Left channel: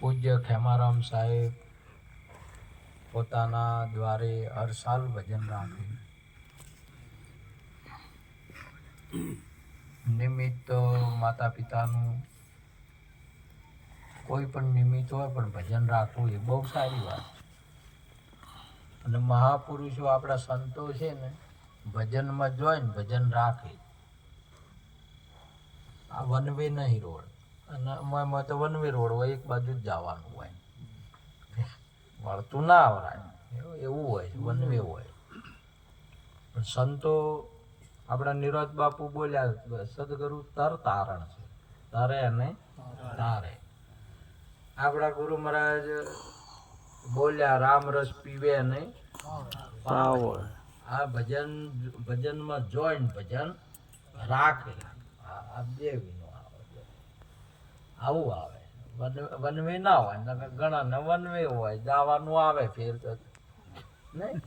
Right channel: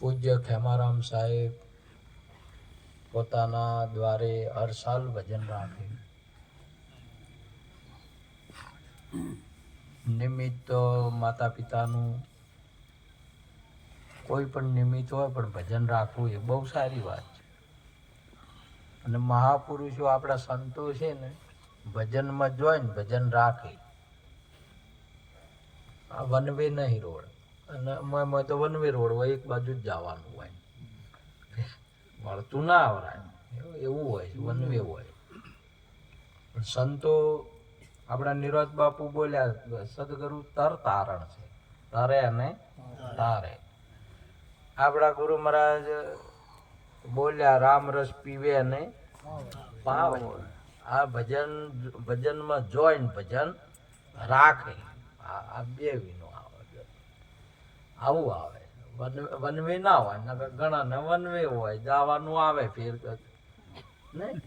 પૂજ્ય ખેમારામ સાહેબ પોતાના દ્વારે હર સાલ ભજન રાખે. નિમિત્ત માતા પિતાનું કોઈ પણ નિમિત્ત હોય પણ ભજન રાખવું એ બહુ સારી વાત છે. અને મહાપુરુષો આપણા સંતો છે ને ભજનમાં જોઈને ભજન રાખે. આ વન વે નહીં રોડ, અને અમારે તો વન વે રોડ હોય, એક બાજુ જ જવાનું હોય, વળતું ના આવરાય એવું હોય, વન વે હોય. પણ સંતો આપણા નિરોધ બાપુ બોલ્યા સદગુરુ તર તારણ છે, તરે અને તારે. આપણા ગુરુ મહારાજ બોલ્યા રામ રસ પીવે અને પાવે. આ ભજનમાં જોઈન ભજન રાખે. આ બે વિનો આવે, આવું આવે. વનવે ના હોય, નકર ઘણા ને વનવે હોય, જવાનું આવે ફેર નહીં.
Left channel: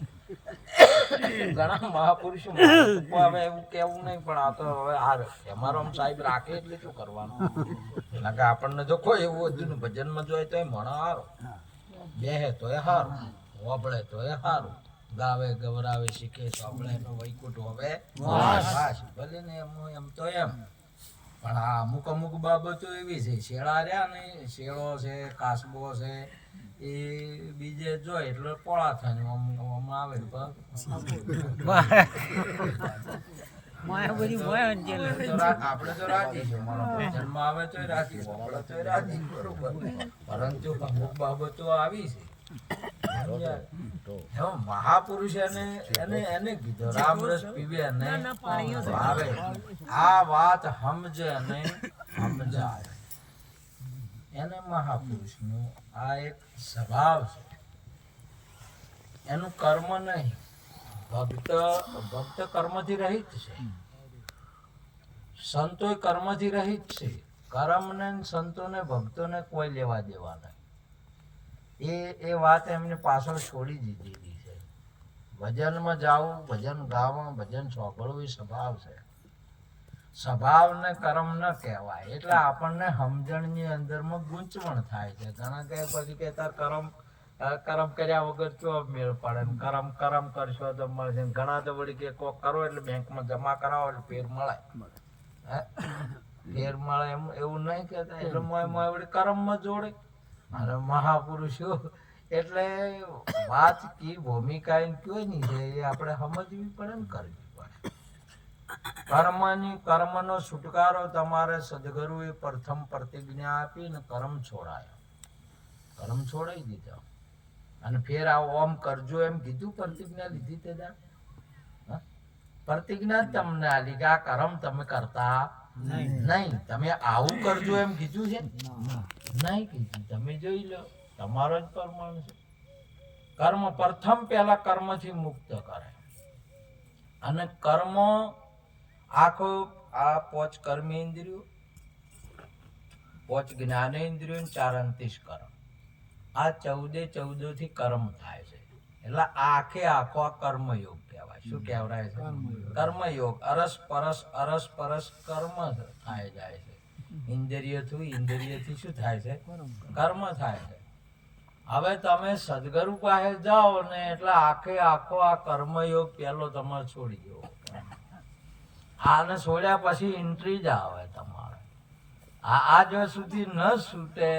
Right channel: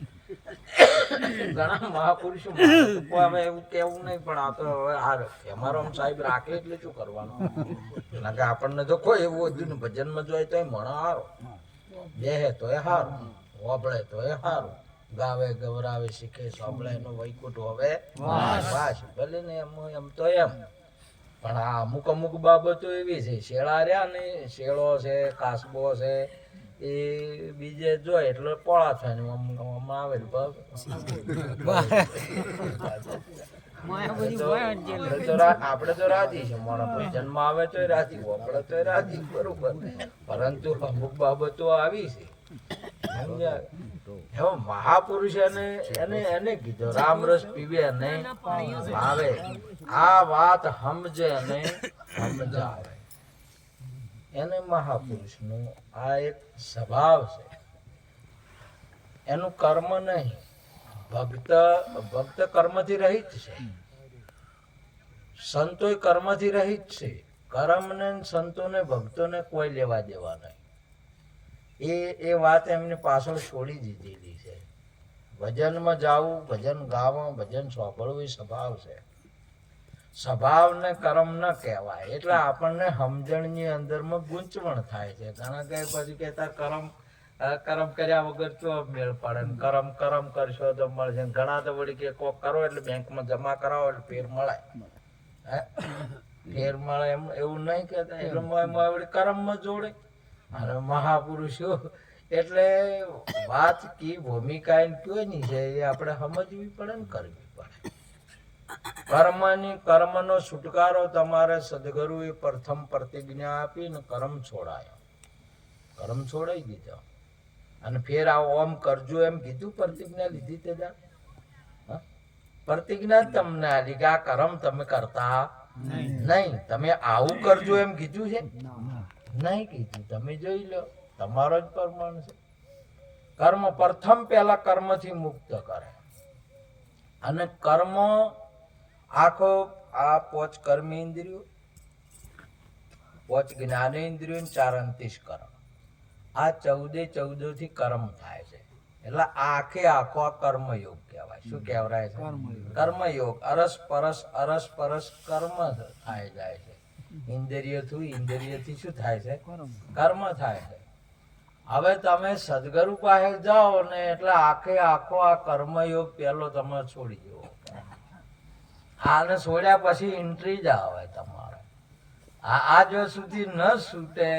ઘણા મહાપુરુષો હવે એવું કેવું નહીં, પણ આ તો હવે ખેમારામ સાહેબ રાખે એટલે શું કરવાનું? કે આપણને તો કોઈ એવું હતું ને ભજનમાં જોઈએ તો મણો હારો, બેહે તો એ હારું, વબળે તો એ હારું, ગાવે ગવરાવે શીખે સાંભળે એનો વૈકુંઠ હવે વાસ ભલે ને એમ તો એમ. પણ આ અમુક બાબતો એવી છે, શેળા રહ્યા ને, શેળો છે, કાસબો છે, એ બીજે જોય એટલે પોળા થાય ને આવે. આપડે તો રાજી છે, જન્મ આવે તો રાજી, વપડે તો રાજી, બરોબર. પરંતુ અમુક બાબતો આવી છે. મહાપુરુષ એને કીધું રામ રસ પીવે અને ભાવે. આ વાત સમજે અને સમજાવે, એને મહાપુરુષ નું આ એક સ્વભાવ છે. એનું કર્મ નહીં. ભક્ત કર્મથી રહિત છે, સંતો કર્મથી રહિત છે. કર્મ ને સંતોને ભક્તોને કોઈ લેવા દેવા નહીં. એ વાત એમને પાછળ છોડી દીધેલી છે. ભજનમાં જાવું, ભજન ગાવું, ભજન સાંભળવું એ સ્વભાવ છે. સ્વભાવને કર્મ ન કહેવાય. એટલે આપણને સમજણની અંદરમાં ગૂંચવણ થાય છે. ઘણા કહે પછી કે તાર કર્મ કર્યા વગર તો મેળ પડે, કર્મ કરશો તો મળશે. ઘણા તો વળી કે કોક કરો એટલે બેંકમાં જમા કરાવો એટલે ફેર મળે, ફેર મળે એવું નહીં કહેતા. એટલે વળી કર્મમાં જોડે. અને મહાપુરુષો એટલે વાત કી ભૂમિકા કયોની છે એ આપણે સમજવી પડે ને કરવી પડે. કર્મનો છુટકારો તમારે સદગુરુએ પ્રથમ પ્રતિજ્ઞા આપી ને કર્મ છોડાયો, કર્મ છોડાઈ દીધો. અને ફેર આ ઓમ કરજો એમ કીધું, પ્રતિજ્ઞા લીધી તે પ્રતિજ્ઞા તમને આલી કે આ કર્મ તમે કરતા નહીં. તમે આવું કરજો એમ કીધું છે નહીં કીધું. તમે જોઈ લો, તમારો જ પ્રમાણ છે. કર્મ પ્રથમ પહેલા કર્મથી મુક્ત કરે. અને કર્મ આખો આ 5 કર્મેન્દ્રિયો, 5 જ્ઞાનેન્દ્રિયો, 4 અંતઃકરણ, આ 14 થી કર્મ થાય છે. એટલે આખો આ કર્મયોગ કહેવાય. શું કહેવાય છે? કર્મયોગ. અરસ પરસ કર્મ થાય જાય છે. ઇન્દ્રિયથી શું થાય છે? કર્મ થાય છે. હવે તમે સદગુરુ પાસે જાઓ ને એટલે આખો આ કર્મયોગ પેલો તમે છોડી દો. આને છોડ્યા પછી એન્ટ્રી જ આવે તમારે. આ જો સુધી ન છૂટે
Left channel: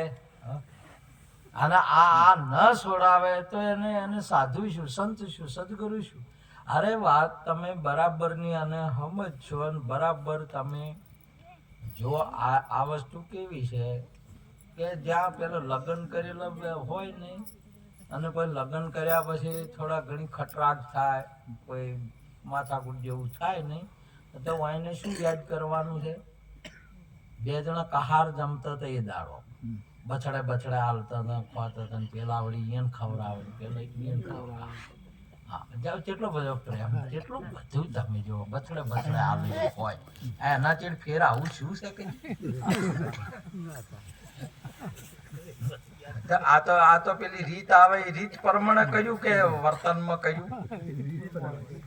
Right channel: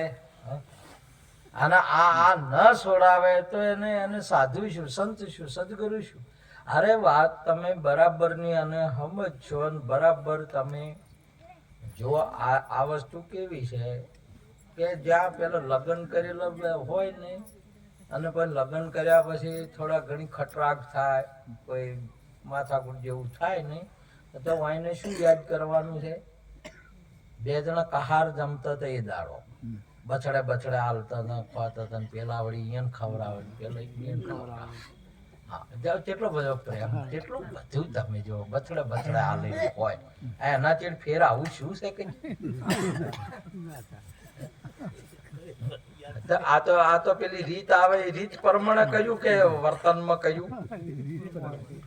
અને આ ન છોડાવે તો એને સાધુ શું, સંત શું, સદગુરુ શું? અરે વાત તમે બરાબરની અને સમજશો અને બરાબર તમે જો. આ વસ્તુ કેવી છે કે જ્યાં પેલો લગ્ન કરેલો હોય ને, અને પછી લગ્ન કર્યા પછી થોડા ઘણી ખટરાગ થાય, કોઈ માથાકૂટ જેવું થાય ને, તો એને શું યાદ કરવાનું છે? 2 જણા કહાર જમતા હતા એ દાડો, બછડે હાલતા હતા, ખોતા હતા, પેલા વળી એને ખવડાવે, પેલા એને ખવડાવે. હા, કેટલો બધો પ્રેમ, કેટલું બધું તમે જો બછડે હાલે હોય. એના ચેડ ફેર આવું શું છે કઈ? આ તો પેલી રીત આવે, એ રીત પ્રમાણે કહ્યું કે વર્તનમાં કહ્યું?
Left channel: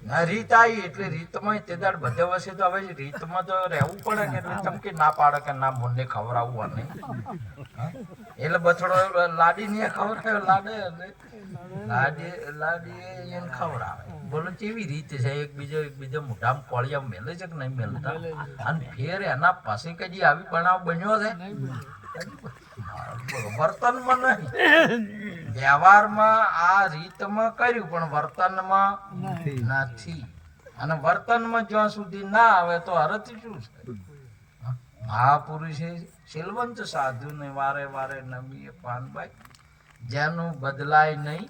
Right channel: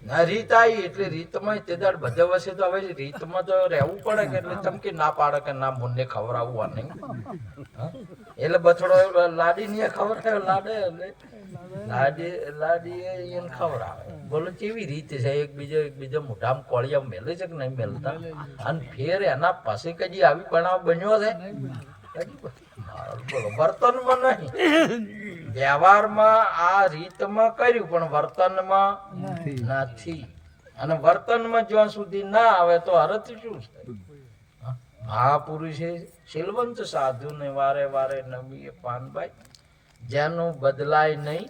ના રીત આવી એટલે રીતમાં તે દાડ બધે વસે તો હવે રીતમાં તો રહેવું પડે કે એટલે ચમકી ના પાડે કે ના મને ખવડાવવા નહીં. હા? એટલે બથડો લાડી ને ખવડાવે લાડે એટલે લાડી એને ખવડાવે. બોલો કેવી રીત છે, એકબીજા મોઢામાં કોળિયા મેલે છે કે નહીં મેલતા? અને ફેર એના પાસે કદી આવી બનાવ બન્યો છે? બોલો વર્તનમાં નહીં, વ્યવહારમાં આ રીતમાં કર્યું પણ વર્તનમાં નથી. અને વર્તનમાં જ્યાં સુધી ના આવે તો અર્થ શું છે? મહાપુરુષે શીલવંત સાધુ ને વારે વારે નમીએ પાનભાઈ, જેનું બદલાય નહીં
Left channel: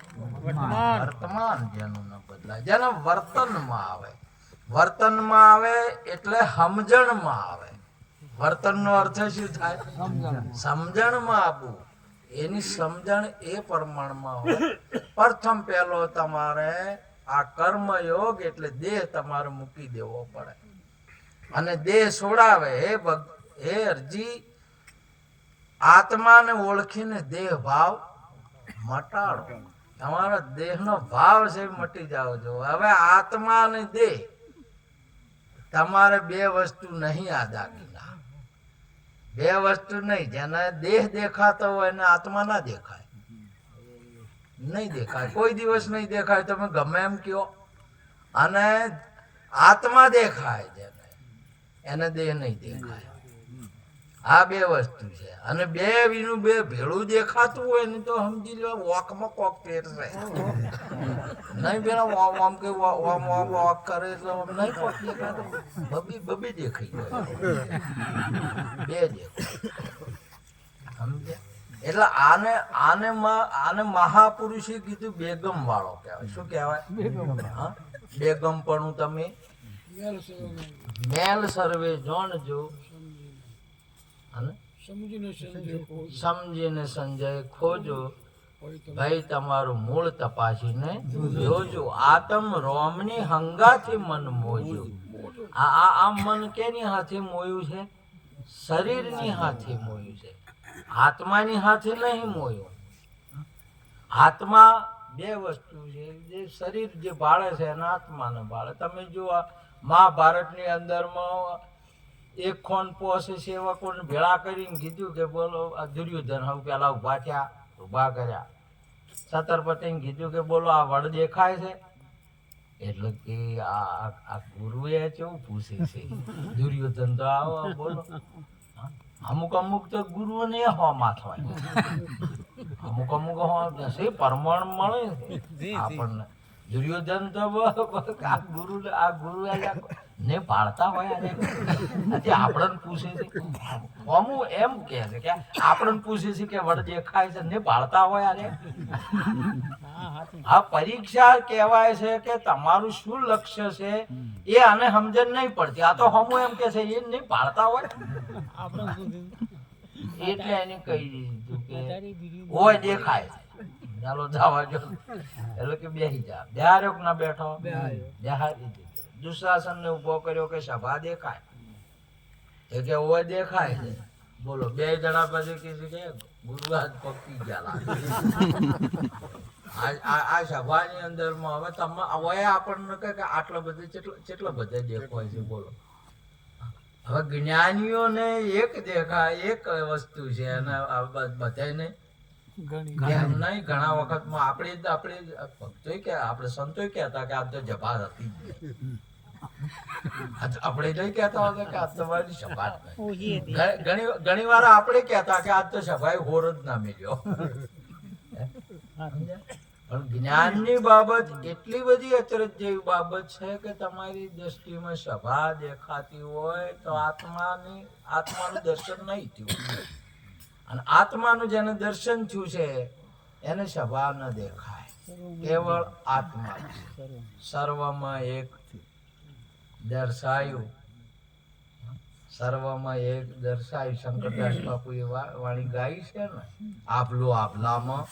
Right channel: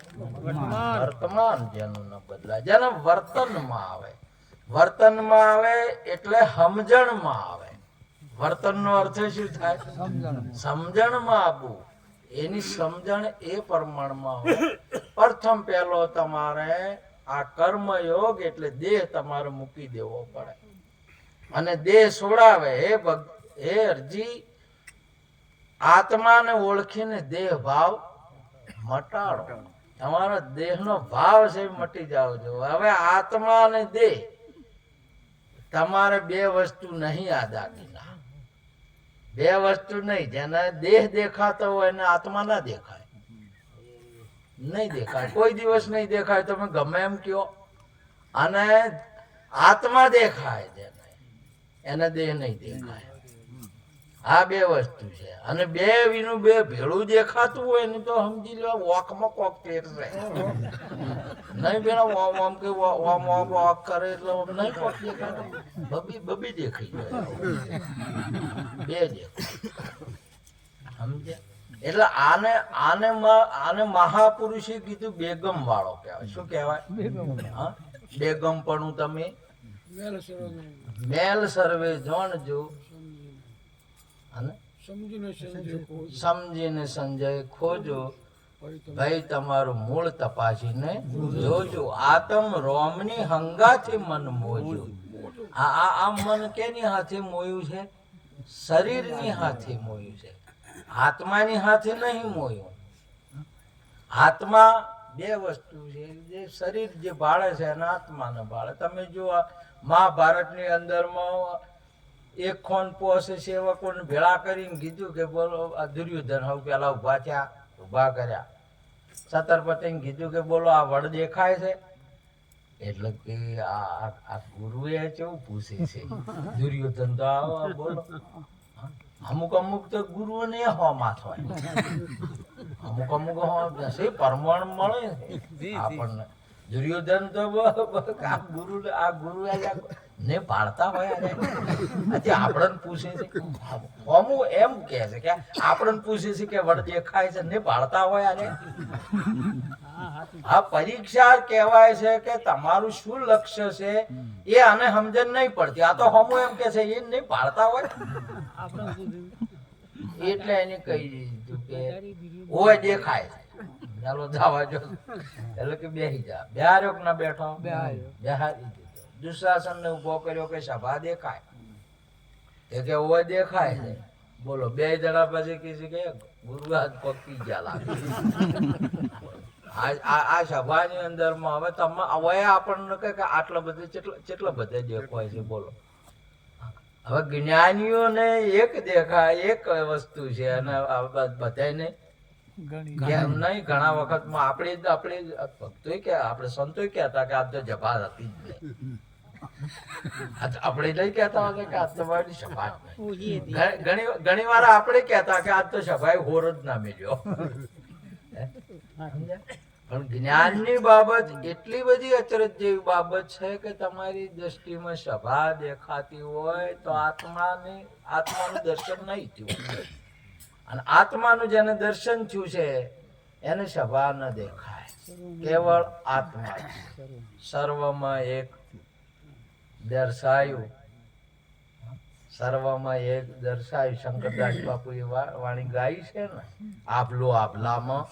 વર્તમાન, જેનું ન બદલાય, જેને વર્તનમાં આવે. વર્તનમાં આવે એટલે સમજણમાં આવે. વર્તનનો અર્થ શું થાય? સમજણમાં આવવું. એની સમજણ એ પ્રમાણમાં હોય. પ્રથમ પહેલો તમારે આ કર્મયોગ એટલે દેહ તમારે મૂકી દેવો પડે. અને દેહ છોડાવે. હે અરજી, આત્માને ઓળખીને દેહ ભાવ મટાડો. તમારો દેહનો ભાવ છે મટી જાવ છો. હવે આત્મા અને દેહ તમારે બે વસ્તુ નહીં. આ દાગીના બે વસ્તુ નહીં. જેને દેહ દેખાતો હોય એને આત્મા ના દેખાય, નહીં દેખાય, કોઈ દિવસ નહીં દેખાય. તમે ગમે એમ કયો. અને આત્મા દેખાય જેને, એને દેહ નહીં દેખાય. આ બે વસ્તુ છે. અને બે વિનું બે ભેળું દેખાતું હોય ને તો સમજી લો વોકમાં કોક પહેરશે નહીં. પેલા ઓમ કે ઓમ વોક કરે એટલે નહીં કોક દેખાતો, બબી દેખાઈ જાય, બે દેખાય. સમજે? એટલે આને મહાપુરુષે કીધું બેગમ વાળો કહેવાય. શું કહેવાય? બેગમ પણ તમે મેલ સર્વે જોણજો અને સમજીને સંજય ખોજો. ભાઈ તમારું મૂળ તપાસીને જોજો. આતમ રોમની હંગાથી મન મોજો. આ મન કેની હાથે મોયું છે? શરીરની હાથે મોયું છે, આત્માની હાથે નહીં મોયું. આત્મા બે વસ્તુ છે. જે શરીર જે ભાળે છે અને આત્માને ભાળે. તમે જો મહાભારતની અંદરમાં એક ખોન પોસે સેવકોને ભેળા કરીને કીધું કે બોલો આ દુર્યોધન હવે પેલા ઉભા કર્યા. છત્રપતિને કીધું કે બોલો આ વડ દેખાય છે? એટલે કે આ ગુરુએ કેવું પૂછે છે? દુર્યોધન તો આવો બોલો. અમુક તો ગુરુઓને હોમાં હોય, અમુક પરમાણ મળે આપણને. દુર્યોધન તો આ ગુરુ ને પાડતા હોય. આપણને પૂછે છે, અમુક એમ કે છે કે આપણને પૂછે છે કે વડ દેખાય છે ને પાડતા હોય. આ પરીક્ષા કહેવાય છે કે તમારું શું લક્ષ્ય છે એ આને સમજણ નહીં પડતી. આ તો હમું એમ કે છે એ નહીં પાડતા હોય. એટલે એને કહી દીધું કે હોય દેખાય છે, ચાલો જવા જો. એટલે કે બેસી જા. બિહાર્યો ના બેઠો, બિહારી દીધો. દુશાસન ને ઉભો કર્યો કે સભા દેખાય? એ કે હોય દેખાય છે. બોલો બે જણા પછી કીધું કે ગુરુ હાથ પકડી ગયા લાગે. આ સભાની અંદર માં હવે તમે આપણને કહે કે આટલા બધે કેટલા બધા દેખાય છે? બોલો. હવે જ્ઞાનીઓને એક દેખાય, એક વસ્તુ છે. અને બધાને નહીં. ઘણા વખતમાં આપણે ભક્તો કે આપણે સંતો કહેતા કે આ તો જભા હતી જ નહીં. આપણે નહીં કહેતા હતા કે આ તમારી સભા ઘણી વાર આપણે કહેતા કે આજ તો સભાએ હોર જ ના મળ્યો. પણ જ્ઞાનની બાબત એટલી બધી અચરજ જેવી બાબત છે કે તમારી દ્રષ્ટિમાં સભા દેખાતી હોય તો આત્માનું દર્શન નહીં થયું. અને આત્માનું જેને દર્શન થયું છે એને સભા ન દેખાય, કેવળ આત્મા. સર્વમાં એક દર્શાયું, સર્વમાં એક દર્શાયું. શંકરદાસ બાપુ એ વાણી ગાઈ છે ને, આપલું આપલામાં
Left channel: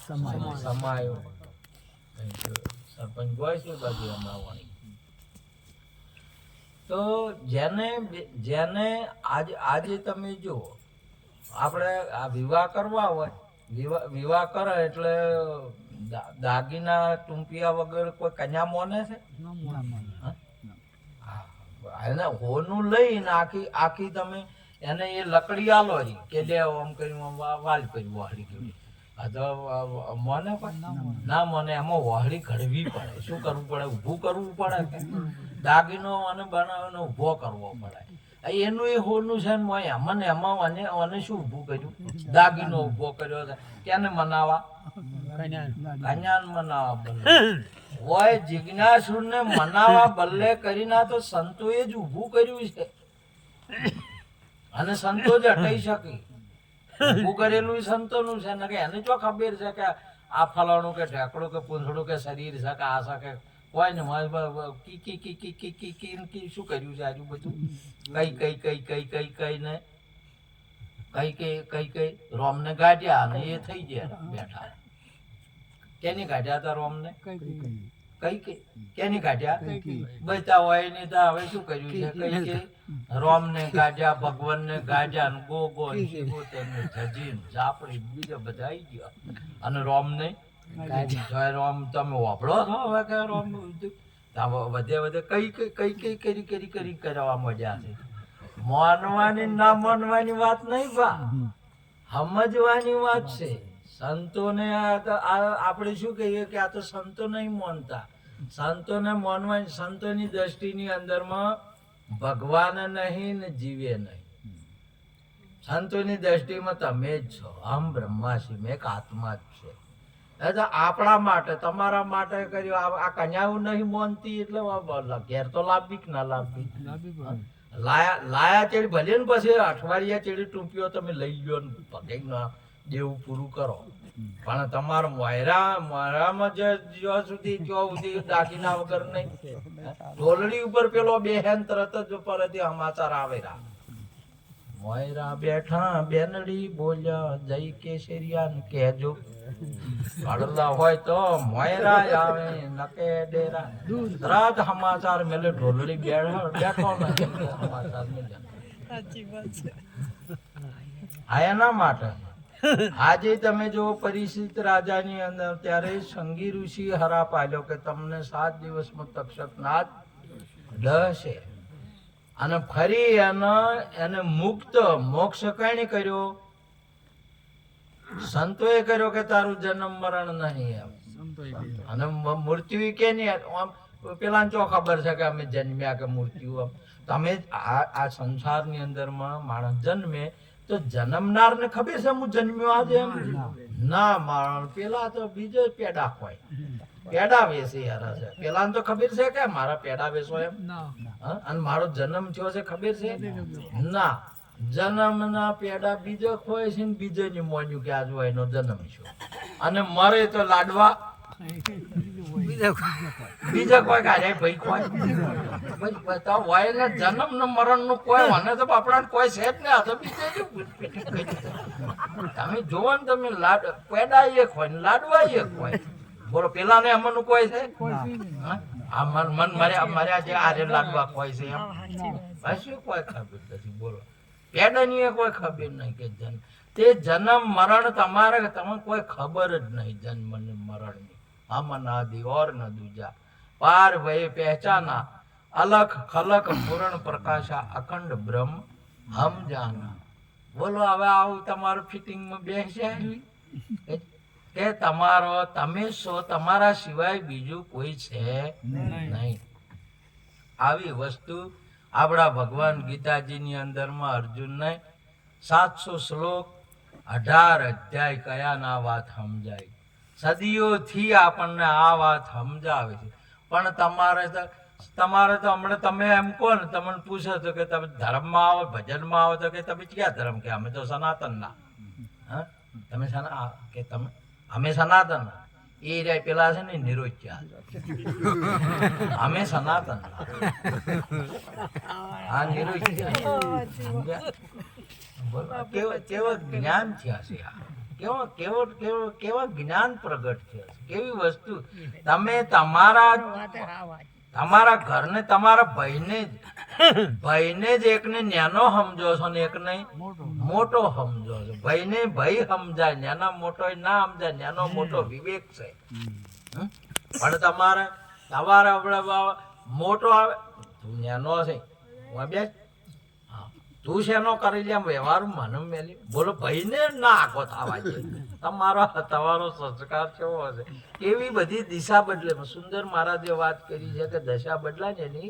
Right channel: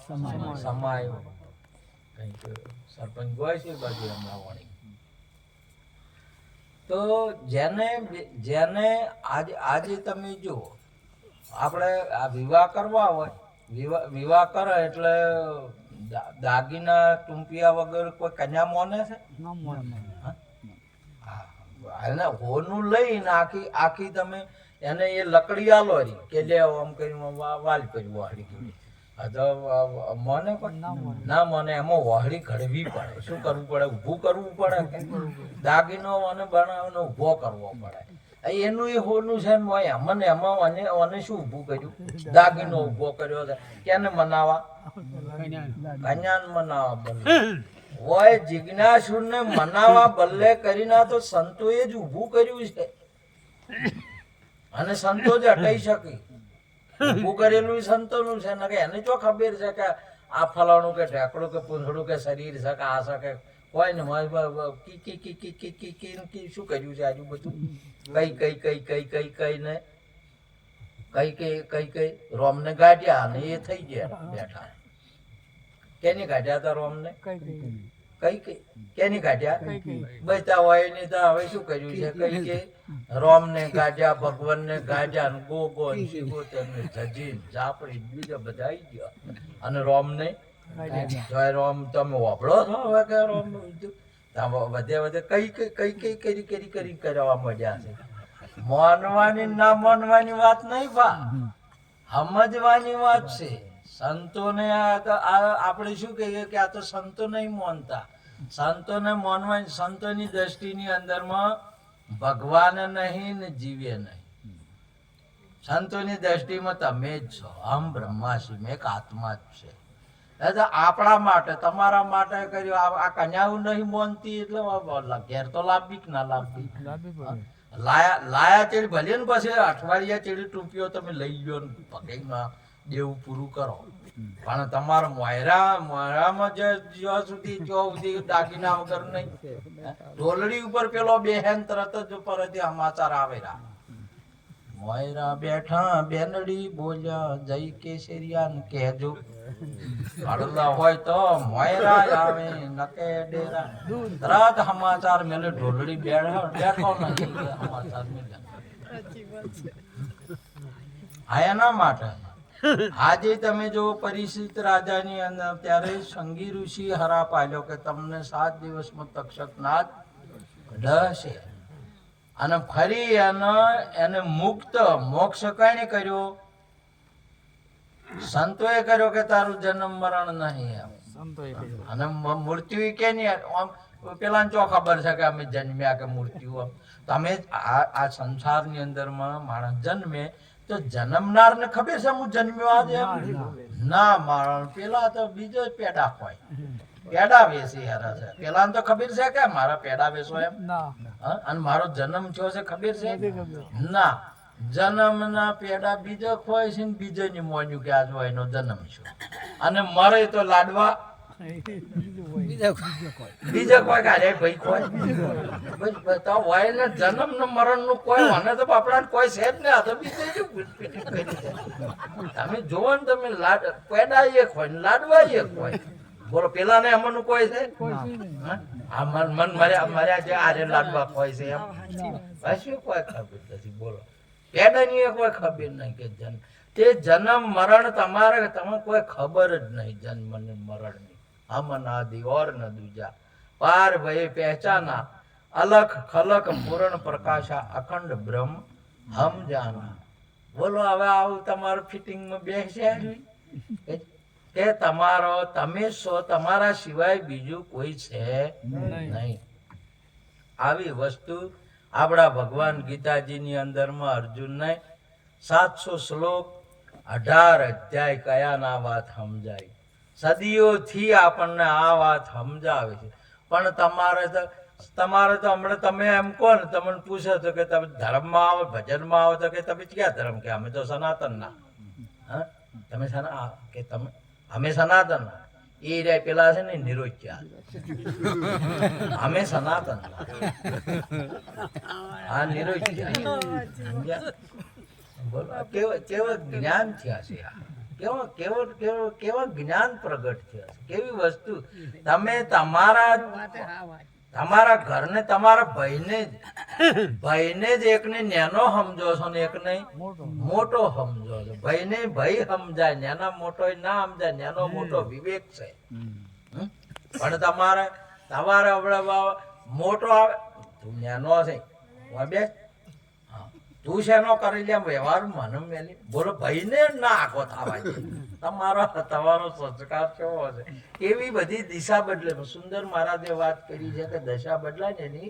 સમાયું. સરપંચ ગોય છે બાજુ હમણાં વાણી. તો જેને આજે તમે જુઓ, આપણે આ વિવાહ કરવા હોય, વિવાહ કરે એટલે દાગીના ટૂંપિયા વગર કોઈ કન્યા મોને છે? એને હોનું લઈને આખી તમે એને એ લકડી આલો રી કે લે આમ કરી વાલ કરી વાહડી ગયું મને ના મને એમાં વાહડી ઘડવી પડે. શું કરવું પડે? ઊભું કરવું પડે કે દાગીનો મને બનાવીને ઊભો કરવો પડે. એનું એ હોનું છે ને મને એમાં અને શું ઊભું કર્યું? દાગીનો ઊભો કર્યો છે. કેને મનાવા? કન્યાને મનાવા બદલે હોય જિજ્ઞાસુર ને મનાવા બદલે કરીને તો સંતોએ જ ઊભું કર્યું છે અને સંતો જ હટાઈ શકે. ઊભું કરેલું સંતોનું છે ને કે એને જો ખબર છે કે આ ફલાણું કે ઢેકડું કે પૂંછડું કે શરીર છે કે આ છે કે કોઈ ને કી શું કર્યું છે આજુ બધું કઈ ને કઈ રોમને ગાઢ્યા અને એ થઈ ગયા બેઠા. કેની ગાઢ્યા હતા રોમને? કઈ કેની ગાઢ્યા? બચતા હોય ને તો હવે શું કર્યું છે? કઈ રોમ ને ગાઢ્યા, ભગવાન ને ગાઢ્યા, ને ગોગો ને શિગોતર ને જજીન ઝાપડી બીજા બધા આવી ગયા અને રોમ ને જોય. રોમ તમે વાપરો છો હવે કે રોમ વધે કઈ કરવા મજા છે. માનવાની ના માનવાની વાત નહીં બા, સમજવાની વાત છે. સંતોને આપણે શું કહીએ કે આ તો સંતો નહીં માનતા. સંતોને માનવાની, સંતોની દ્રષ્ટિની અંદરમાં ભગવાન નહીં ને જીવે નહીં. સંતોની દ્રષ્ટિમાં તમે જ છો. અહમ બ્રહ્માસ્મિ, એક આત્મા જ છે. આપણા માટે તમારા માટે કર્યું. આ કન્યાઓ નહીં માનતી એટલે ઘેર તો લાવવી કે ના લાવવી? લાયા ચેડી ભલે ને પછી અઠવાડિયા ચેડી ટૂંપીઓ તમે લઈ લ્યો ને પગે દેવું પૂરું કરો. પણ તમારા મોયરામાં જ્યાં સુધી દાગીના વગર નહીં. ઢોલડી ઉપર પેલો બેહેન તરત જ પરથી સમાચાર આવેલા. મોયરા બેઠા બેનડી બોલ્યા જય કેસરિયા ને કહેજો. પડલા હોય તો મોયરા આવે નકે ડેરા. તરત સમાચાર મેલે ઢોલડી બેઠો નથી સમાચાર મેલ્યા. એના માટે આજે તમે જો પરિસ્થિત રાજાની અંદર ત્યારે સંગી ઋષિ હરા પાડ્યો કે તમને 7 દિવસમાં તક્ષક નાદ ડહશે અને ફરી એને મુક્ત મોક્ષ કાણે કર્યો? સંતોએ કર્યો કે તારું જન્મ મરણ નહીં એમ. અને મૃત્યુ કે નહીં પેલા ચો ખબર છે કે અમે જન્મ્યા કે મૃત્યુ? તમે આ સંસારની અંદરમાં માણસ જન્મે તો જન્મનાર ને ખબર છે હું જન્મ્યો આજે એમ ના? માણસ પેલા તો બીજો પેડા હોય, પેડા વેચી હરા છે. પેલા તો ખબર છે કે મારા પેડા વેચો એમ અને મારો જન્મ થયો છે ખબર છે ના? જન્મ ના પેડા બીજો ખોય છે ને બીજો ની મોન્યું કે આજ એનો જન્મ છે અને મરે તો લાડવા બીજા કોઈ કાઢ્યા ભાઈ કોઈ હોય ને જન્મ ને મરણ નું કોઈ મને તો આપણા કોઈ છે જ ને. આ તો બીજે તમે જોવો ને તમે પેડા એક હોય ને લાડવા એક હોય. બોલો પેલા ને એમાંનું કોઈ છે? મન મર્યા જે આજે લાડવા કોઈ છે એમ શું કોઈ ખબર નથી? બોલો પેડા ની કોઈ ખબર નહીં કે જન્મ તે જન્મ મરણ તમારે તમે કોઈ ખબર જ નહીં. જન્મ ને મરણ ની હમ નાદિ ઓર ન દૂજા પાર ભય પહેચાના અલખ ખલક પૂર્ણ પ્રકાશા અખંડ બ્રહ્મ હમ જાના. બોલો હવે આવું તમારું ફિટિંગમાં બેસે કે તમારો તમે છો, તમારા સિવાય બીજું કોઈ છે નહીં. આવી વસ્તુ આપણા ભગવાન ગીતાજીની અંદરમાં અર્જુનને 700 શ્લોક 18 અધ્યાય કયા ના વાત સમજાય. સદીઓથી આપણને આ વાત સમજાવે છે. પણ તમારે તો હમણાં તમે એમ કહો ને, તમને પૂછે તો કે તમે ધર્મમાં આવો, ભજનમાં આવો તો કે તમે ક્યાં ધર્મ? કે અમે તો સનાતનના. હા તમે કે તમે અમે સનાતનના. એ રે પેલા છે ને નિરોચ્યા. અમે સનાતનના. આ નિરોચ્યા. કેવા જ્ઞાન થયા છે આ. કેવા જ્ઞાન પ્રગટ થયા છે. કેવી વસ્તુ તમે તમારા ઘરને તમારા ભાઈને જ એકને નેનો સમજો છો ને એકને મોટો સમજો છો. ભાઈને ભાઈ સમજાય, નેના મોટો ના સમજાય. નેનો મોટો વિવેક છે. પણ તમારે મોટો આવે તું નેનો છે બે તું શેનો કરી લે વ્યવહાર મને મેલી બોલો ભાઈ ને ના આખો થવા દે તમારો સંસ્કાર કેવો હશે કેવી બધી દિશા બદલે સુંદર મહારાજે વાત કરી છે કે દશા બદલાય ને એની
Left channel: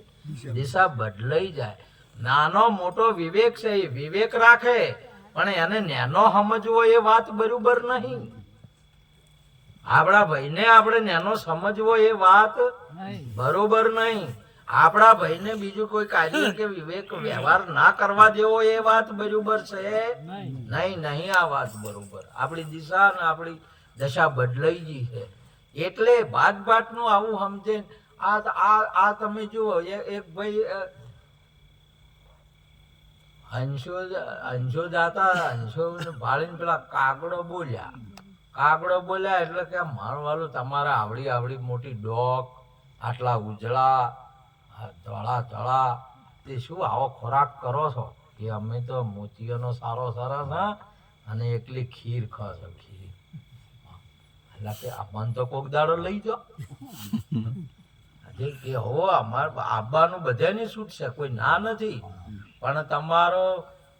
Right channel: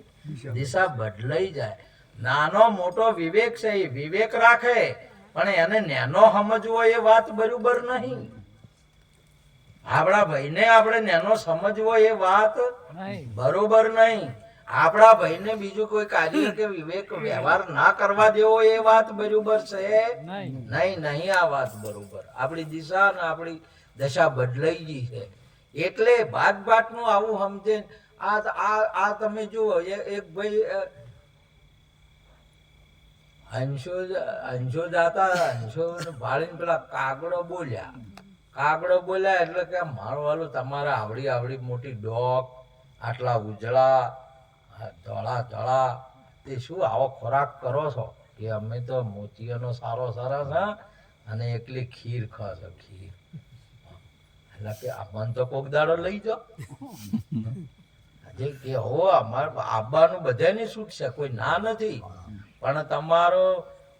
દિશા બદલાઈ જાય નાનો મોટો વિવેક છે એ વિવેક રાખે પણ એને નેનો સમજવો એ વાત બરોબર નહીં આપણા ભાઈને આપણે નેનો સમજવો એ વાત બરોબર નહીં આપણા ભાઈને બીજું કોઈ કાર્ય કે વિવેક વ્યવહાર ના કરવા દેવો એ વાત બરોબર છે નહીં આ વાત બરોબર આપણી દિશા અને આપણી દશા બદલાઈ ગઈ છે એટલે ભાત નું આવું સમજે આ તમે જુઓ એક ભાઈ હંસો દાતા હંસો ભાળીને પેલા કાગડો બોલ્યા એટલે કે મારું વાલું તમારા આવડી મોટી ડોક આટલા ઉજળા ધોળા તે શું આવો ખોરાક કરો છો કે અમે તો મોતીઓનો સારો સરસ અને એકલી ખીર ખાશો ખીર એટલે કે મન તો કોક દાડો લઈ જાઓ કે હો અમારે આબાનું બધાની છૂટ છે કોઈ ના નથી પણ તમારો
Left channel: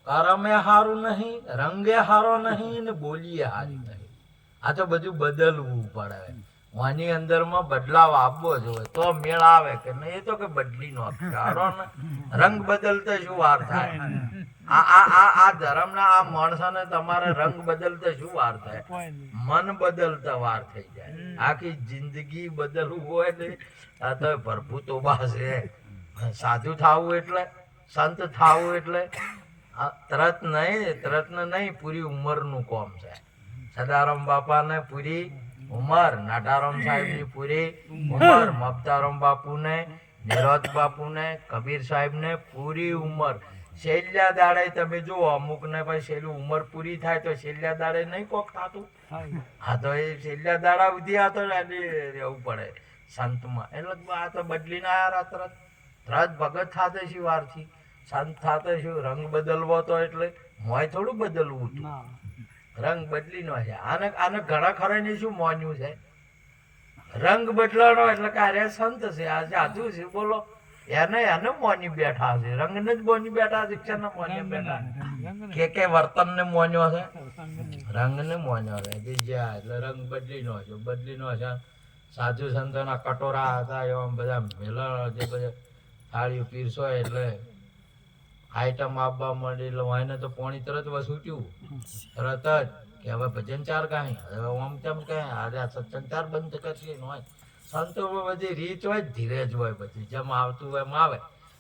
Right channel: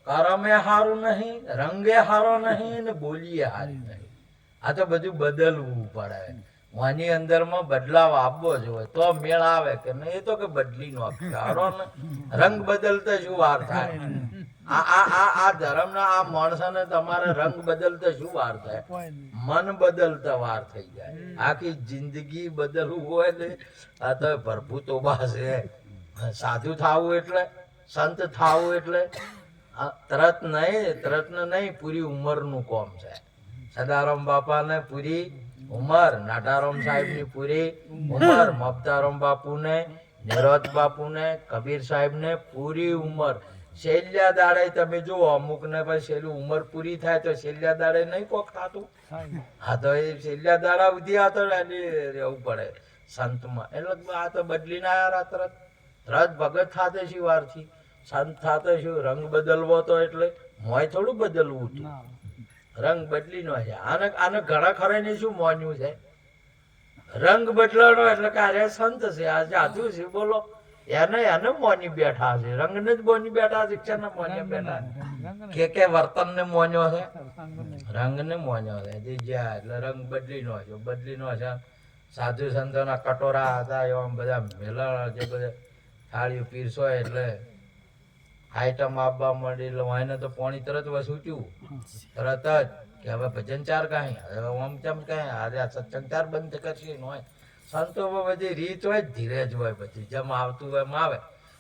કરમે હારું નહીં રંગે હારો નહીં ને બોલીએ હારી નહીં આ તો બધું બદલવું પડે આની અંદરમાં બદલાવ આપવો જોઈએ તો મેળ આવે કે નહીં એ તો કે બદલી નો હારો ને રંગ બદલતા શું વાર થાય આ ધર્મના આ માણસોને તમારે રંગ બદલતા શું વાર થાય મન બદલતા વાર થઈ જાય આખી જિંદગી બદલવું હોય ને આ તો પ્રભુ તોબા છે સાધુ થાવું એટલે સંત થાવું એટલે તરત નહીં પૂરી ઉંમરનું કોમ છે સદારામ બાપાને પૂરી ઉંમર નાટારામ સાહેબ ની પૂરી ઉંમર મમતારામ બાપુ ને નિરોધ બાપુ ને કબીર સાહેબ ને પૂરી ઉંમર છેલ્લા દાડે તમે જુઓ અમુક ને ભાઈ છેલ્લું ઉંમર પૂરી થાય તો છેલ્લા દાડે નહીં કોક થતું હા તો એ છેલ્લા દાડા સુધી આ તો રહેવું પડે સંતમાં એટલે આ તો બદલીને આવ્યા તરત ભગત થાતે શું વાર થી સંત થાતે શું રંગ બદલવો તો એટલે મોય થોડું બદલવું હતું રંગ બદલી નો છે આને ઘણા ખરા ને શું મોન્યું છે રંગ બદલાનો એટલે કે આ સંત છે આ જાદુ છે બોલો એને મોની બેઠા છે રંગ ને જ મોની બેઠા શિક્ષણ ને મોની બેઠા કે વર્તન ને મોન્યો છે રંગ ને મોન્યો છે એટલે રંગ બદલી નો છે સાધુ સંતોના કટોરા હતા એવા બધા મેલા જે બધા થાળીઓ પીરસો એટલે આઈટમ આપવા માંડી એટલે એને તો પાણી તરત વસૂટ્યું તરત જ કે હવે ભજન ચાર કાંઈ હવે આમ તેમ કાંઈ આજે આ સત્સંગ ચાર બંધ કરશે હોય સંતો બધી રીત હોય ધીરે જ હોય બધી જેમ આવતું હોય એમ આવે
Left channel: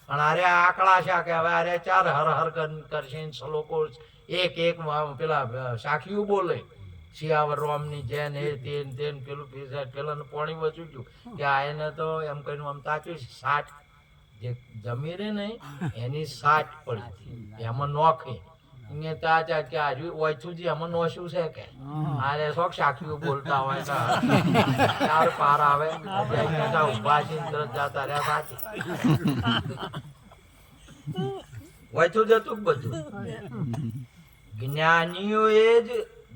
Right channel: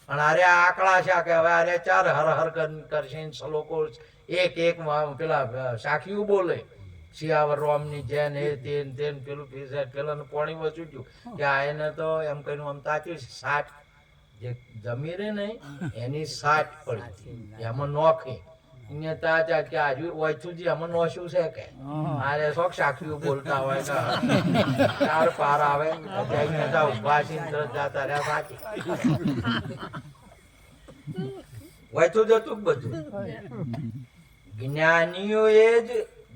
અને આરે આકડા છે કે હવે આરે ચાર હર કરશે શ્લોકો એક પેલા સાખીઓ બોલે શિયાવર રોમની જેન એ તેન પેલું પેલાનું પાણી વસૂટ્યું કે આ એને તો એમ કહીને આમ તાચ્યું 60 જે જમી રે ને એની 60 પડી એમાં નોખી અહીંયા તાચા કે આજુ ઓછું એમાં નોશું છે કે આરે શોખ સાખીઓ બોલતા હોય ચાર પાર આવે ઉભા છે જતા રહ્યા સાચી ઓછું જતું બધું જ્ઞાનીઓએ જ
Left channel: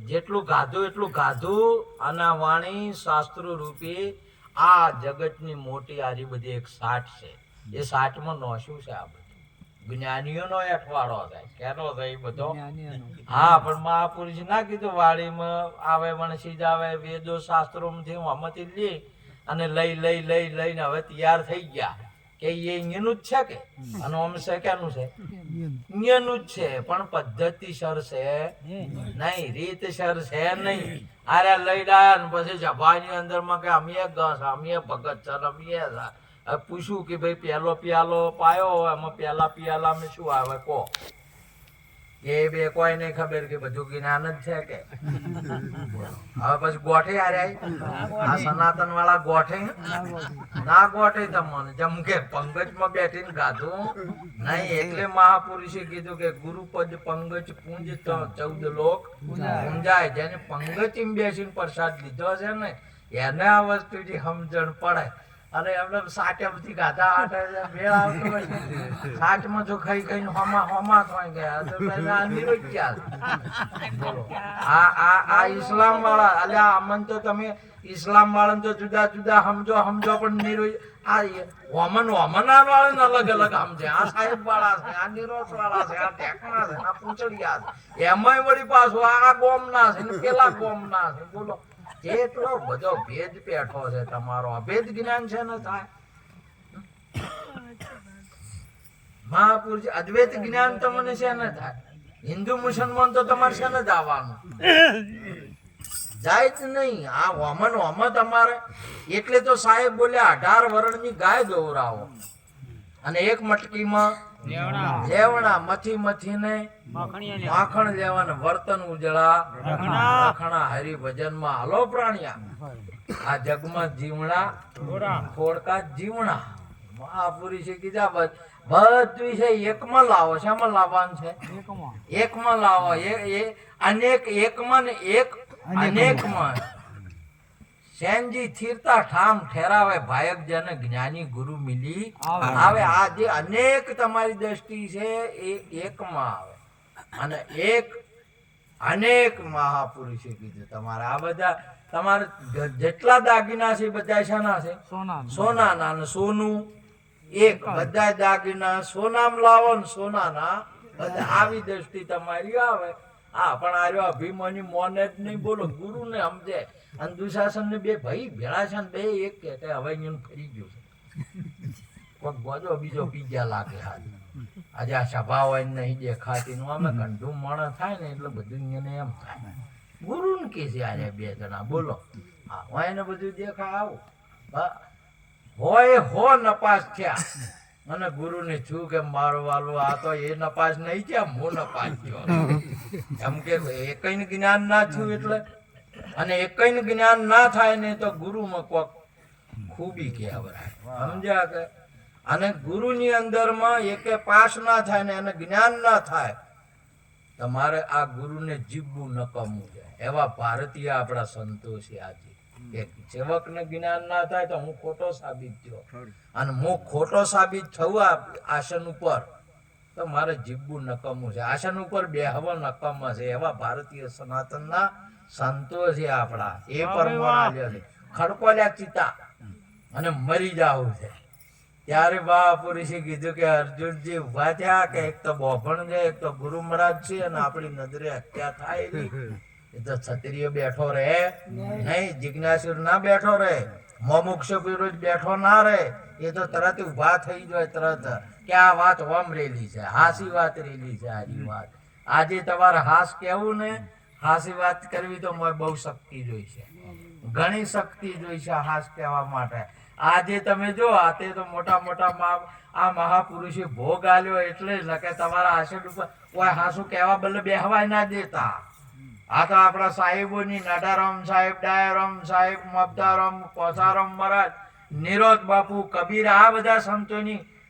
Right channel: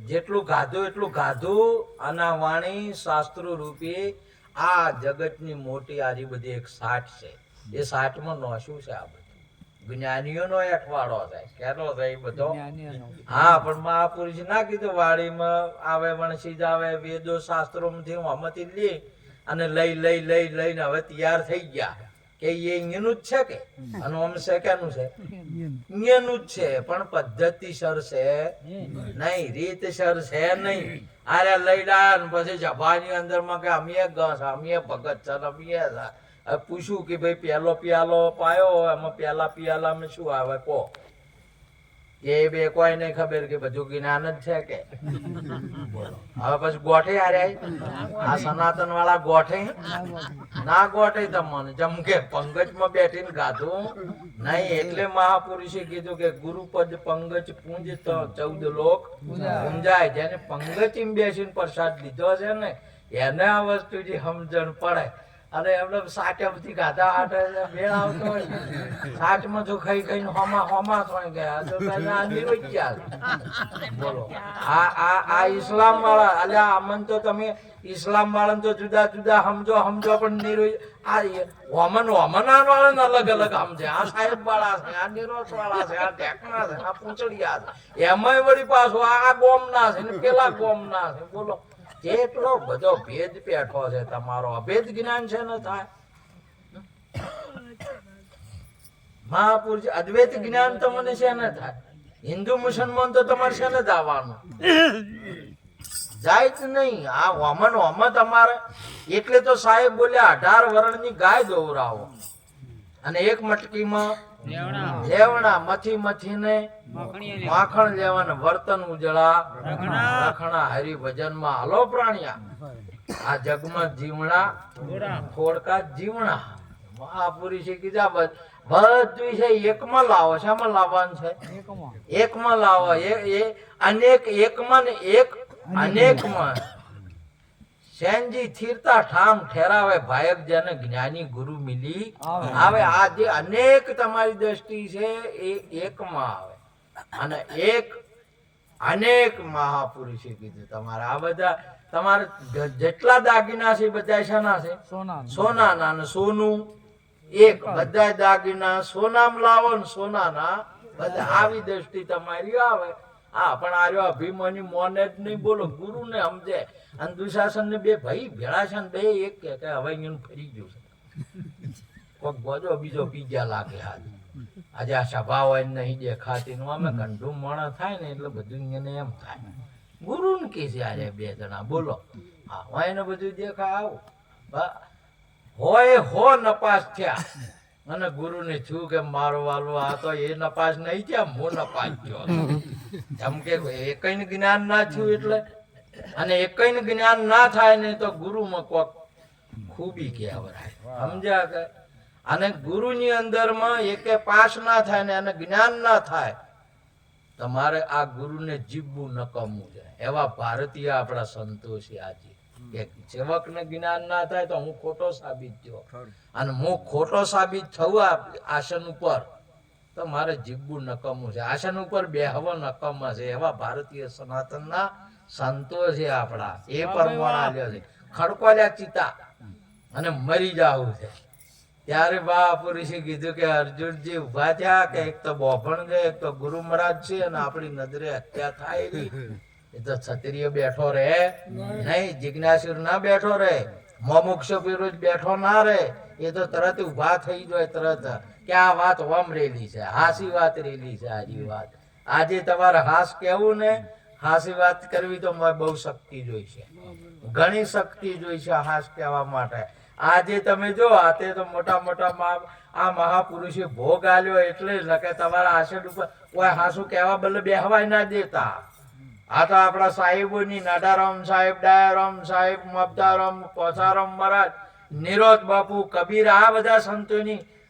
જેટલું ગાધું એટલું ગાધું અને વાણી શાસ્ત્રો રૂપે આ જગતની મોટી આરી બધી એક 60 છે એ 60 માં નોશું છે આ બધું જ્ઞાનીઓનો અઠવાડો થાય કેનો થાય બધો હા પણ મહાપુરુષ ના કીધું વાડીમાં આવે મણસી જ આવે વેદો શાસ્ત્રો માંથી હમતી લે અને લઈને હવે તૈયાર થઈ ગયા કે એ અહીંયાનું જ છે કે અને આમ છે કેનું છે અહીંયાનું જ છે પણ પદ્ધતિસર છે નહીં રીતસર છે નહીં આરે લઈ ડાયા ને પછી જભાની અંદર માં કે અમે ભગત છે અમે પૂછ્યું કે ભાઈ પેલો પિયાલો પાયો એમાં પેલા પિયાલા માં શું આવે કો એ બે કોઈ નહીં ખબર કે બધું જ્ઞાન જ છે કે હવે પછી ગોઠે હારે આ સનાતન વાળા ગોઠે ના ગોઠે તમને જેમ કે પંકજ માં બેઠીને ગાધું નહીં એટલે મહાપુરુષે કીધું કે ગુરુપદ પંકજ પૂંજ 14 લોક પૂંજાય જેને પંકજ બેસીને પ્રસાદ લીધો છે ને એને આ વસ્તુ જે સમજણ પડે અને એમને સાચા બધી ગાધા આટે મેળ આવતો હોય સાચમાં જો ખાઈ ખાઈને હોમા થઈ ગયા તો પેલા નિરોજ બોલો આ ઇસ્લામ વાળા અલ્યા અમન તો તમે ઇસ્લામ વાળા તો જુદા જુદા સમજો પણ નિરોજ આ વમન વાળાને અલગ અલગ સમજે આ સાહેબ વાળા છે આ નિરોજ વાળા છે આ ટેકના છે આ પૂંચડિયા છે એમાંય વળી પાછું આ ગોમ ના છે ને પેલા ગોમ ના છે બોલો એટલો બધો ભેદ પેઠો છે તમારો અભેદ જ્ઞાન છે ને થાય મહાપુરુષ અદ્વૈત જ્ઞાન તમને છે ને થાય હિન્દુ મુસલમાન તો તમારે છે ને જ આવવાનું જાય જ નહીં આ વમન તમારે એટલે તો સાહેબ બોલ્યા 18 વર્ષની ગાય દોરાવો અને એક મટકીમાં લેવણા મથીને માખણ લેવાના વર્તન ઉજળા રખણા હરિભજન માં હાલો પ્રાણિયા આ જગમાં જીવણા થોડકા જીવણા મહાપુરુષે છે કીધા બધું છે એકમાં લાવો શામાં લાવવાનું છે એકમાં લાવો એ અનેક એકમાં ને એક અનેકમાં સેનજી થીરતા ઠામ ઠેરાવે ભાયક જેને જ્ઞાની ગુરુ મિલી આવે આ જે અનેક તમારી દ્રષ્ટિ છે એ એકમાં આવે અને એક અનેક મહાપુરુષે કીધું તમારે આ બધા તમારે જેટલા દાગીના છે બધા શાના છે સોનાના ને સોનું એક બધા દાગીના સોનામાં લાવો ને સોનાના બધા આવી દ્રષ્ટિ તમારી આવે હા પણ આર્યો અભિમાની મોને જ નહીં બોલો ગુરુ ને સમજે અને દુશાસન ને બે ભાઈ ભેળા છે ને બે એક કે હવે અહીંયા ફરી ગયું છે કોક ગોજો બીજો પીજા લાગે આજે આ સભા હોય નહીં દેખાતી નું અમે કંઠું મણ થાય ને એટલે બધું એને એમ થાય ગુરુ ને કે છે આજે બે જણા બોલો હા હોય ને બધું દેખાય આવું હોય હો નપાસ થયા અને ગુરુ ને છું કે મારો વાલો આ તો એ નપાસ નહીં થયા હું નપાસ થયો એમ કે એકઈ જ્ઞાન ના થયું એટલે અને એકઈ જ્ઞાન ના થાય ને તો ગુરુમાં કોક ખૂબી કહેવાય સમજ્યા કે અને ગુરુની અંદરમાં એકે પાસ ના થાય ને એને જ્ઞાન ના થાય તમારે આ ગુરુને જીવવું નકમવું છે એવા ભારતીય આપણા સંતો છે આજે એક સેવકને જ્ઞાન ના થાય તો હું ખોટો સાબિત થયો અને હું ખોટો સાબિત થવા આસન ઉપર તો મારે જીવવું નકમવું છે આસન ઉપર બેહવો નકમ છે એવા ભારતીય સનાતનના સંતો છે આપણા એ પરમાણા છે ખડકોલ્યા ચિતા અને મરી જાવું છે ત્યારે મહાપુરુષે કીધું કે અર્જુનજી ઉભા થયા કે એક તો બોભણ છે એક તો ગુરુ મહારાજ છે અને આપણી નજરે હત્યા થાય એ તો ક્ષત્રિય બેઠો રહે નહીં જિજ્ઞાસુર ના બેઠો રહે મોમુક્ષ પુરુષ બેઠો ના રહે એ તો તરત ઉભા થઈ જાય તરત કે આ વાત ઓમ રેલી છે હાસી વાત રેલી છે આજી વાત આજે તમારે હાસ કેવું ને હાસી વાત કરવી તો બહુ શક્તિ જોઈશે ઘણી શક્તિ જોઈશે હાસ કહેવા માટે આજે તમે જો આતે તો મોટા આ મહાપુરુષે ભોગ આલ્યો એટલે જ કે તમારા આસન ઉપર કોઈ હાસુ કહેવા બદલે બેહવાય ના દેતા આ તો આપણા સાહેબોની નાડારામ સાહેબ ડાયારામ સાહેબ મબદારામ કોસારામ મહારાજ નિરોધ બાપુ કબીર આ બધા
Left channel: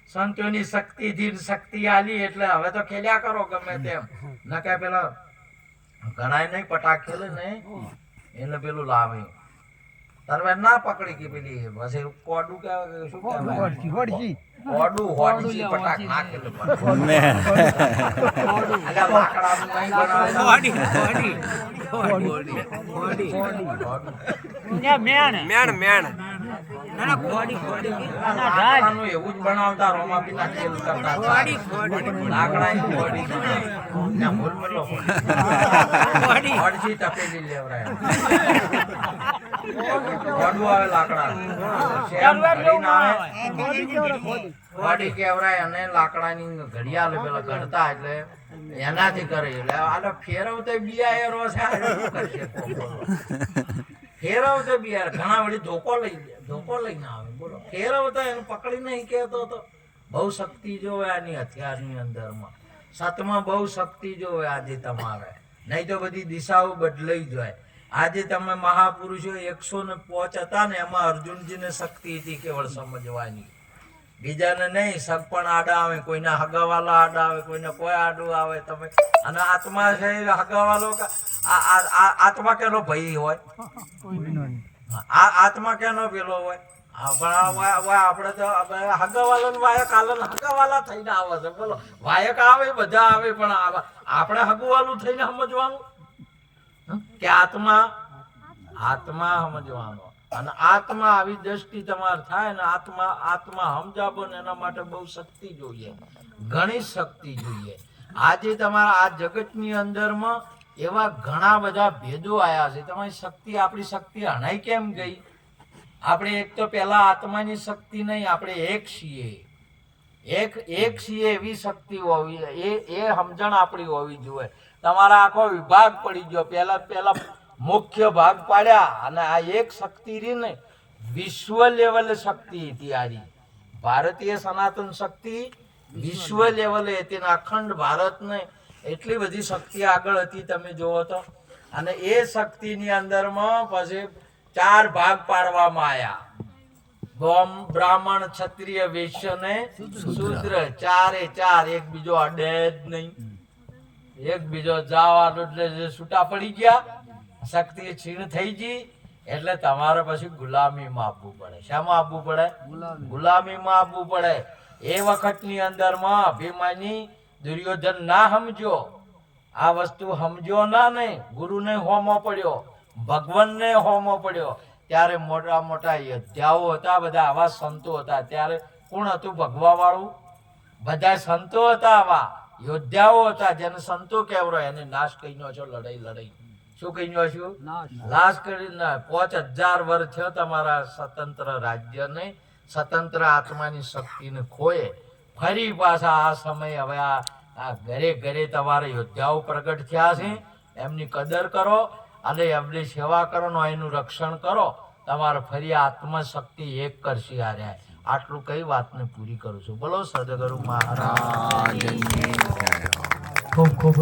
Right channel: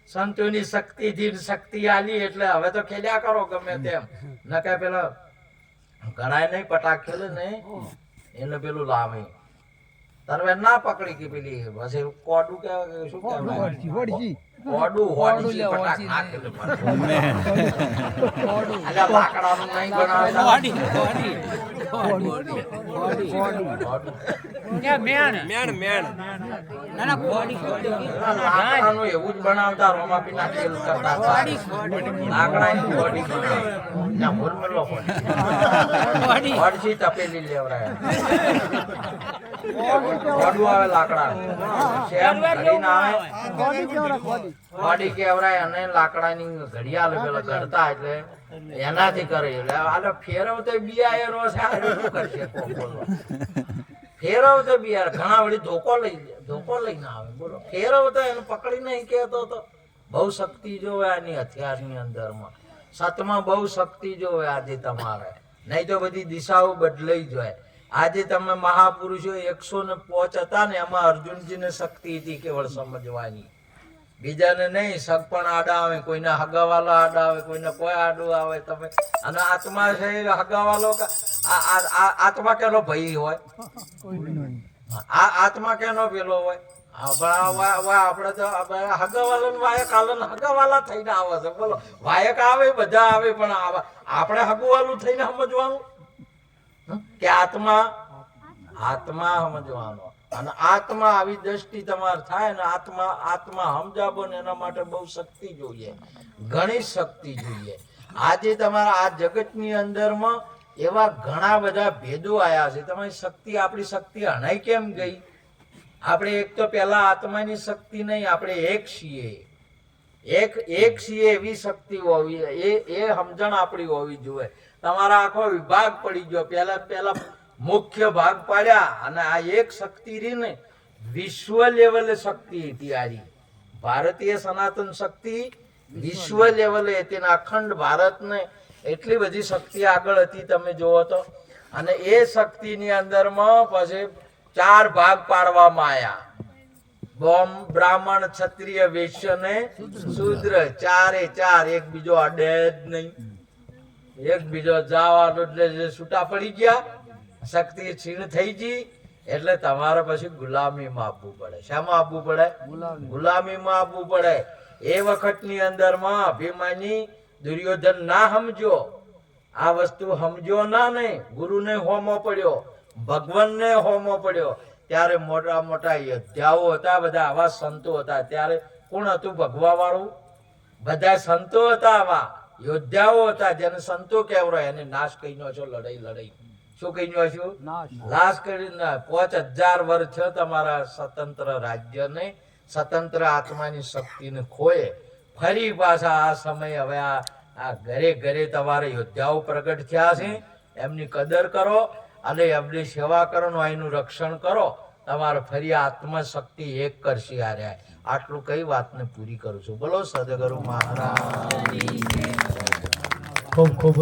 સંતોની શક્તિ આલી એટલે હવે તો ખેલ્યા કરો ગમે તેમ ન કઈ પેલા ઘણાય નહીં પટાક ખેલે ને એને પેલું લાવે તરવે ના પકડી કે પેલી પછી કોડું કહેવાય શું કહેવાય કોડું હોડી પટાક ના ખેલે અલ્યા લાકડાનું નહીં બનાવતા એવું જ બનાવતા રોમા પીના તેલ કરતા લાકડાની બોડી બનાવતા તપેલી લેવરાય આવે લાકડા બોડી કેવરાય અને લાકડાની ઘડિયાળ પેલા ઘડતા એટલે એનાથી કરે એટલે આલો ફેરવતો બિયારો છે ફેરવતો બિયાર ઘણા વળી ધોકો લઈને આવે બોલો ફેરવતો એને પકડી નહીં કેતો તો બહુ શક્તિ જોવે આની હથિયારની અંદરમાં સતમાં બહુ શક્તિ જોવે આજે તમારે નહીં તો બધી દિશાઓ બદલાઈ જાય આજે તમે મહાપુરુષો 105 હતા ને એમાં અર્જુનજીને શક્તિ હતી કેવળ સમજવાની બીજાને નહીં સગપણ આડા આવે કોઈના હગાવાલા આડા આવે કોઈને કોઈ આડું આવે તમે અને આત્મા છે હગાવાલો આત્મા કેનો ભય હોય આ આત્મા કેનો પેલો હોય આપણે તો હગાવાલા ને વાયક આલન હગાવાલા થઈને આવે છે. બોલો, વાયક આવે બધા આવે, પણ આપણે હગુવાલું થઈને સમજવાનું કે આત્મા સમજવાનો. અને આત્મા આવી દ્રષ્ટિ તમારે થાય ને આત્મા સમજાવો ને એના માટે બહુ શક્તિ જોઈએ, ઘણી શક્તિ જોઈએ. આજે તમારા આ જગતની અંદરમાં એવા ઘણા બધા ભેદો આયા છે. તમારી શક્તિ, આપણી શક્તિ હણાઈ કેમ ગઈ? આપણે એક તો પેલા આત્માની શક્તિ નહીં, આપણે એક છીએ. એક છીએ એવી શક્તિ હોવી, એ સમજણ આપણી હોવી જોઈએ. તમારા આખો વિભાગ પડી ગયો. પેલા મુખ્ય ભાગ પાડ્યા, અને આ એક શક્તિ રહી ને, વિશ્વ લેવલે શક્તિ હતી. આરી ભારતીય સનાતન શક્તિ વિશ્વ લેવલે હતી ને અખંડ ભારતને એટલી બધી શક્તિ આગળ હતી તમે જુઓ તો. અને એ શક્તિની અંદરમાં પછી 4 ભાગ પાડવામાં આવ્યા: બ્રાહ્મણ, ક્ષત્રિય, વૈશ્ય ને શૂદ્ર. 4 એક બીજો અડે જ નહીં. એક બીજો જવાનો એટલે છૂટા પડી ગયા, શક્તિ છીણ થઈ ગઈ. એટલે તમારે પછી ગુલામીમાં આપવું પડે. શામાં આપવું પડે? ગુલામીમાં આપવું પડે. એ વખતની અંદરમાં અભિમાની દુર્યોધન ના સમજો, આ વસ્તુ સમજો ના, નહીં ગુરુને હોમો પડ્યો, ભગવાનને હોમો પડ્યો. ત્યારે મોટા મોટા યોદ્ધાઓ હતા, બધા આવા સંતો હતા. ત્યારે કોણ હતું ભગવા વાળું? બધા સંતો હતા, આવા યોદ્ધાઓ હતા, જેને સંતો કહેવાય. એને નાશ કહી નો છો. લડાઈ શું કહી નો છું? નાશ કરી. 5000 વર્ષ થયો તમારા સ્વતંત્ર રાજ્યને, સ્વતંત્ર આત્માની શક્તિને ખોએ. ફરી પાછા આ સમય હવે આ ઘરે ઘરે તમારા યોદ્ધાઓ પ્રગટ થયા છે. એમની કદર કરો અને એમની સેવા કરો, એનું રક્ષણ કરો. તમારે ફરી આત્મશક્તિ એક કરશે. આર્યા આટલું કઈ વાતને પૂરી કરું છું. બોલો સદગુરુ મહારાજ. ખૂબ ખૂબ